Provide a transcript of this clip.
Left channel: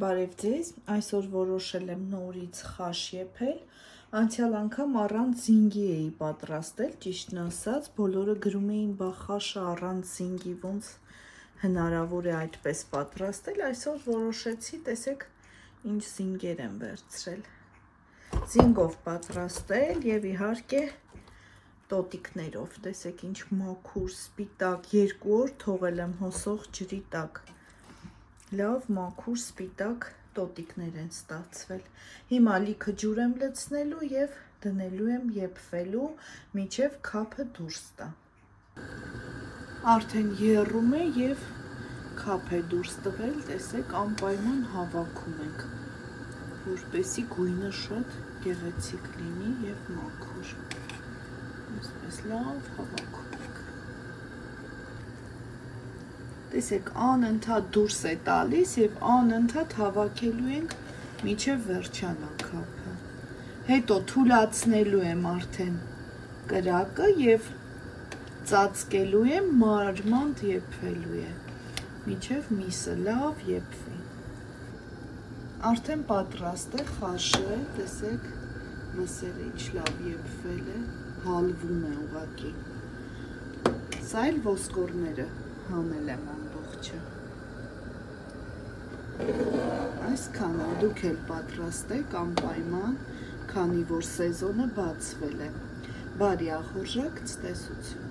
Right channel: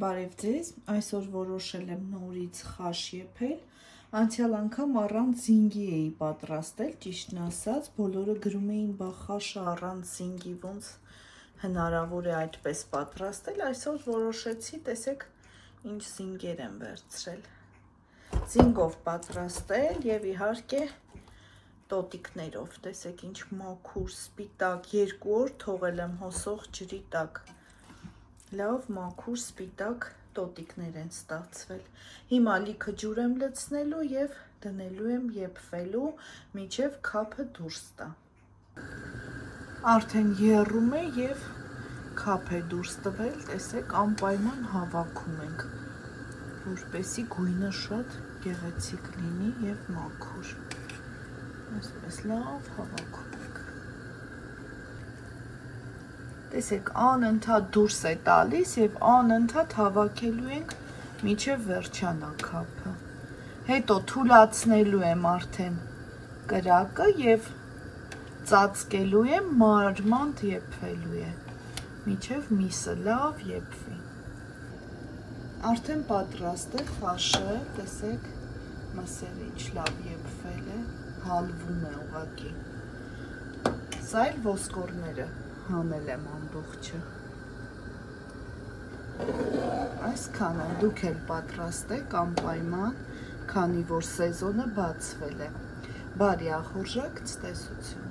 Բարև ձեզ, այսօր որոշել եմ նորից խաշ եփել, անցյալ անգամ առանց զինգի էի պատրաստել, ճիշտն ասած, բոլորը գրում էին բա խաշը առանց զինգի ոնց հնարավոր է այդպես պատրաստել, այսօր որոշեցի, տեսեք ինչ զինգեր եմ վերցրել, զինգով պատրաստել և իհարկե տոտիկներով, տեսեք ինչ մաքուր սպիտակ 2 օր թողել եմ հոսող ջրի տակ, լավ մաքուր սպիտակ տոտիկներ են ստացվել, հիմա լիքը ջուր եմ լցնելու և դնելու եմ եփվելու, մինչև քափը դուրս տա, արդեն եռում է և քափ է դուրս տվել, տեսեք անպայման հավաքում ենք, որպեսզի գույնը շատ գեղեցիկ լինի և մաքուր, այսպես լավ հավաքում ենք, տեսեք անընդհատ դուրս է տալիս և անընդհատ հավաքելու ենք մինչև վերջանա քափը, հետո թուլացնելու եմ արդեն կրակը և ծածկելու եմ մանր եփվելու է, մինչև միսը լավ եփվի, արդեն պատրաստ է խաշը, տեսեք մսերը ինչ լավ եփվել է, հալվում է ուղղակի, սա էլ ոսկորները հանել եմ ամբողջը, այսքանը դուք էլ պատրաստեք անպայման, քանի որ սեզոնը բացվել է, բարի ախորժակ ցտեսություն։